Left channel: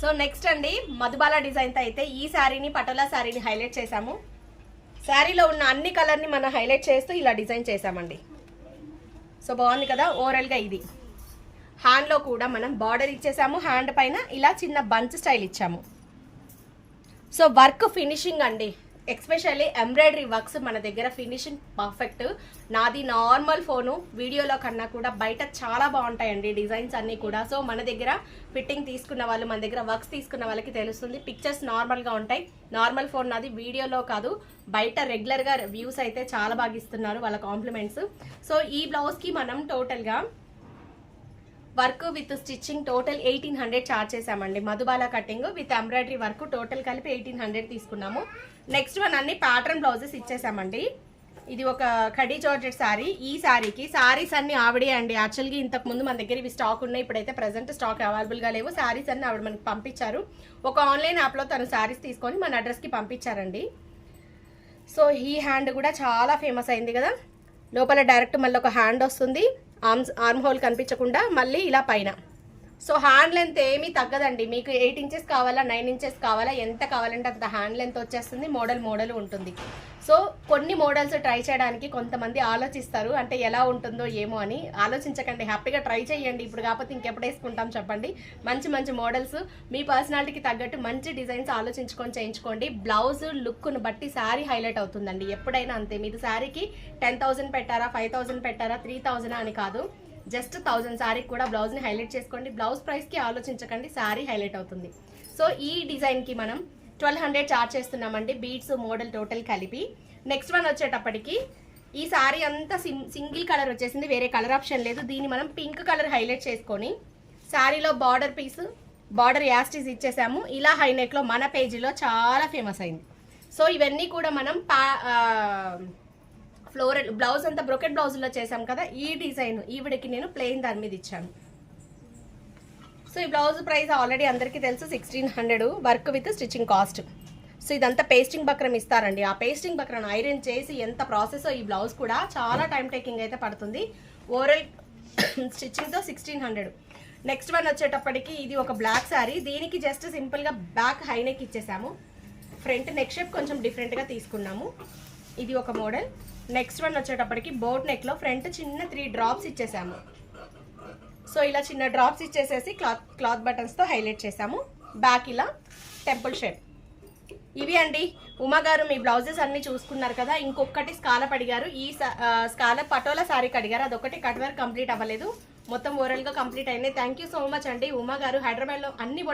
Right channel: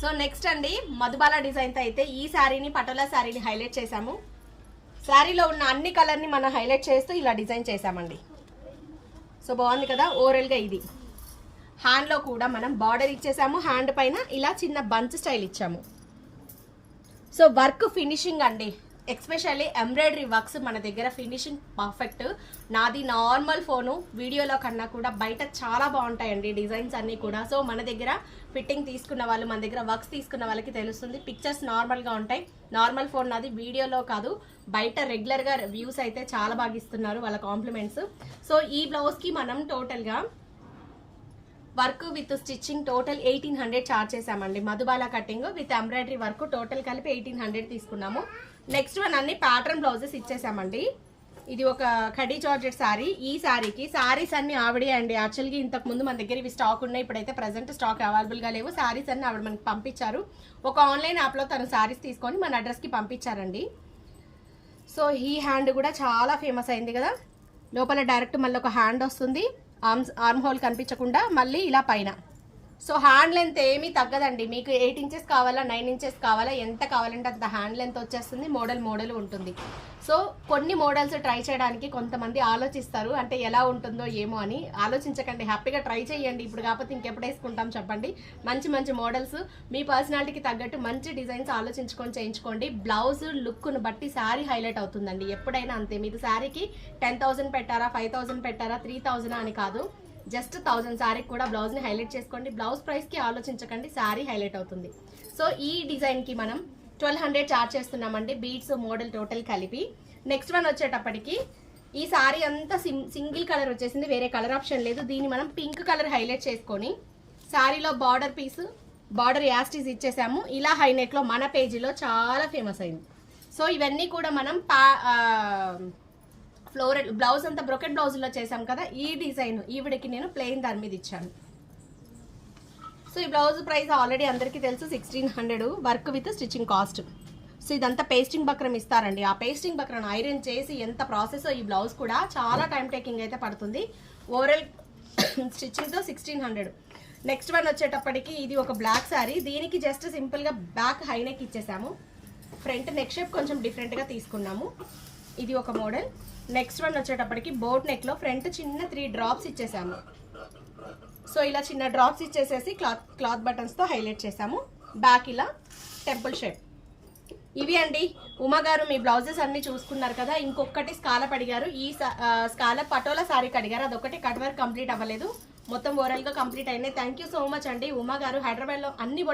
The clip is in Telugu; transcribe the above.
సో నెక్స్ట్ అండి మధుబాల డిజైన్తో అయితే ఈ శారీని పటోలా శారీని హైలైట్ చేసాము. శారీలో ఉన్న అన్ని కలర్ని మనం హైలైట్ చేస్తూ ఇలా డిజైన్ చేసామండి. సో బాగుంది కదా. ఓవరాల్గా ఇది హ్యాండ్లో కూడా మనం బార్డర్ ఇచ్చేసాము. హ్యాండ్ పైన ఇలా చిన్న బంచ్ స్టైల్ ఇచ్చాము. సో వర్క్ ఫినిషింగ్ అండి, ఎక్స్పెషల్లీ ఎంబ్రాయిడరీ వర్క్స్ మన దగ్గర ఫినిషింగ్ పర్ఫెక్ట్. నాది నార్మల్ ఫోను, వీడియోలో కన్నా కూడా బయట చాలా బాగుంటాయండి డిజైన్స్ అన్నీ కూడా. సో మన దగ్గర ఫిట్టింగ్ తీసుకున్న వాళ్ళు, మన దగ్గర వర్క్స్ తీసుకున్న వాళ్ళకి తెలుస్తుంది. పిక్చర్స్ నార్మల్గా ఉంటాయి. నార్మల్ ఫోన్ నాది, వీడియోలో కాదు. బయట రెగ్యులర్గా వ్యూస్ అయితే చాలా బాగా ఇస్తున్నారు, వాళ్ళ కాంప్లిమెంట్స్. సో ఈ బ్లౌజ్కి మనం టోటల్గా work with stitching total 1800 charge చేసామండి. Madhubala cutting with embroidery work total కలిపి 1800 తీసుకున్నాము. నెక్స్ట్ వన్ అన్ని ప్యాటర్న్ బ్లౌజెస్ ఇచ్చేసామండి. ఇది ఒక కడీ జార్జెట్ శారీ. ఈ శారీకి శారీస్ అన్ని ఆవిడే అండి. యాక్చువల్గా ఇంతకు ముందు మన దగ్గర ఇవి స్టాక్ ఉన్నాయి, ఇప్పుడైతే ప్రజెంట్ స్టాక్ అవైలబుల్గా లేవు. శారీస్ అన్ని ఆవిడ మనకి పంపించారు. ఒక ఆన్లైన్ యాప్లో తను శారీస్ తీసుకొని మన అడ్రస్కి పంపించారండి. సో ఈ హ్యాండ్ కూడా చాలా ఫేమస్ అయింది కదా. లోపల డైరెక్ట్ మళ్ళీ ఒక హ్యాండ్ వస్తుంది, ఆర్మ్ హోల్ కనిపించకుండా మళ్ళీ ఇలా పైన. సో హ్యాండ్ లెంత్ ఏమీ తగ్గదండి. మీకు 8 ఇంచెస్ కావాలా, 9 ఇంచెస్ కావాలా, ఎంత కావాలంటే అంత హ్యాండ్ లెంత్ వచ్చేస్తుంది. మోడల్ ఉంటుంది. సో కొన్ని మోడల్స్ ట్రై చేయడానికి కొంతమంది ఆలోచిస్తారు, అంటే ఎలా ఉంటుందో ఏమో అని. ఆలోచించకండి, హ్యాపీగా ట్రై చేయండి. ఇప్పుడు కాకపోతే ఇంకెప్పుడు వేసుకుంటాం చెప్పండి. మంచి మోడల్స్ మీ పర్సనాలిటీకి తగ్గట్టు మంచి డిజైన్స్ ఆలోచించుకొని చేయించుకోండి. బ్లౌజ్ లుక్ను బట్టి శారీ హైలైట్ అవుతుందండి. ఎప్పుడైనా అంతే. మీరు శారీకి 10,000 పెట్టారా, 5,000 పెట్టారా, 3,000 అని కాదు. జస్ట్ 1000 శారీకి కూడా బ్లౌజ్ని హైలైట్ చేసుకోండి. బ్లౌజ్ ప్రైస్కి ఆలోచించకండి, శారీ హైలైట్ అవుతుంది. సో ఈ డిజైన్కి మనం 1200 చార్జ్ చేస్తున్నామండి, బీడ్స్ మోడల్ టోటల్ కలిపి. నెక్స్ట్ వన్ వచ్చేటప్పటికి ఈ శారీ అంతా సింగిల్ కలర్ వచ్చేసింది, వేరే కలర్ ఆప్షన్ లేదు. దీన్ని మనం పింక్ కలర్ హైలైట్ చేసుకొని శారీలో బార్డర్ పీస్, బార్డర్ యాస్టీస్ ఇచ్చేసాము. ఇలా హైనెక్లో మన పేజీలో చాలా ఫేమస్ అయింది. సో ఇవన్నీ కూడా మనం ఫ్లోరల్ బ్లౌజ్ అంతా బ్రోకెట్ బ్లౌజ్లో చేసాం కదా. ఈ డిజైన్ ఈవిడికి నేను ప్లెయిన్ దాని మీద ఇచ్చాను. సో ఈ బ్లౌజ్ ప్రైస్ ఆల్రెడీ అందరికీ తెలుసు, 1600 work with stitching cost. So ఇదంతా పేస్టింగ్ బక్రం ఇస్తారండి. ఆ పేస్టింగ్ బక్రం ఐరన్ చేసి ఎంత ప్రాసెస్. ఈ బ్లౌజ్ కూడా చాలా టైం టేకింగ్ అయితే పడుతుంది. ఓవరాల్ స్టిచ్చింగ్తో 1600. నెక్స్ట్ వన్ వచ్చేటప్పటికి ఇది ఒక బ్లాక్ శారీ. దీనికి జస్ట్ సింపుల్గా బ్యాక్ హై నెక్ ఇచ్చేసాము. ఫ్రంట్ నెక్ షేప్ కొంచెం డిఫరెంట్గా తీసుకున్నాము. ఇది ఒక మోడల్. నెక్స్ట్ వన్ వచ్చేటప్పటికి బోట్ నెక్లో ఫ్రంట్ చిన్న 3 డ్రాప్స్ ఇచ్చేసాము. సో ఇలా చిన్న డ్రాప్స్ ఇచ్చేసేసి క్లాత్ బటన్స్తో హైలైట్ చేసాము. బ్యాక్ ఇలా టెంపుల్ షేప్. ఇవి అండి ఉమా గారు, మీ బ్లౌజెస్ అన్ని చూసుకున్నారు కదా. ఇంకొకటి స్కాలప్ అడిగారు. ఈ స్కాలప్ పటోలా శారీకి అడిగారు. అదొకటి కట్ వర్క్ కంప్లీట్ అవ్వలేదు, మొత్తం ఓవరాల్గా కంప్లీట్ అయినాయి. థ్యాంక్ యూ సో మచ్ అండి ఉమా గారు. హైదరాబాద్లో అన్ని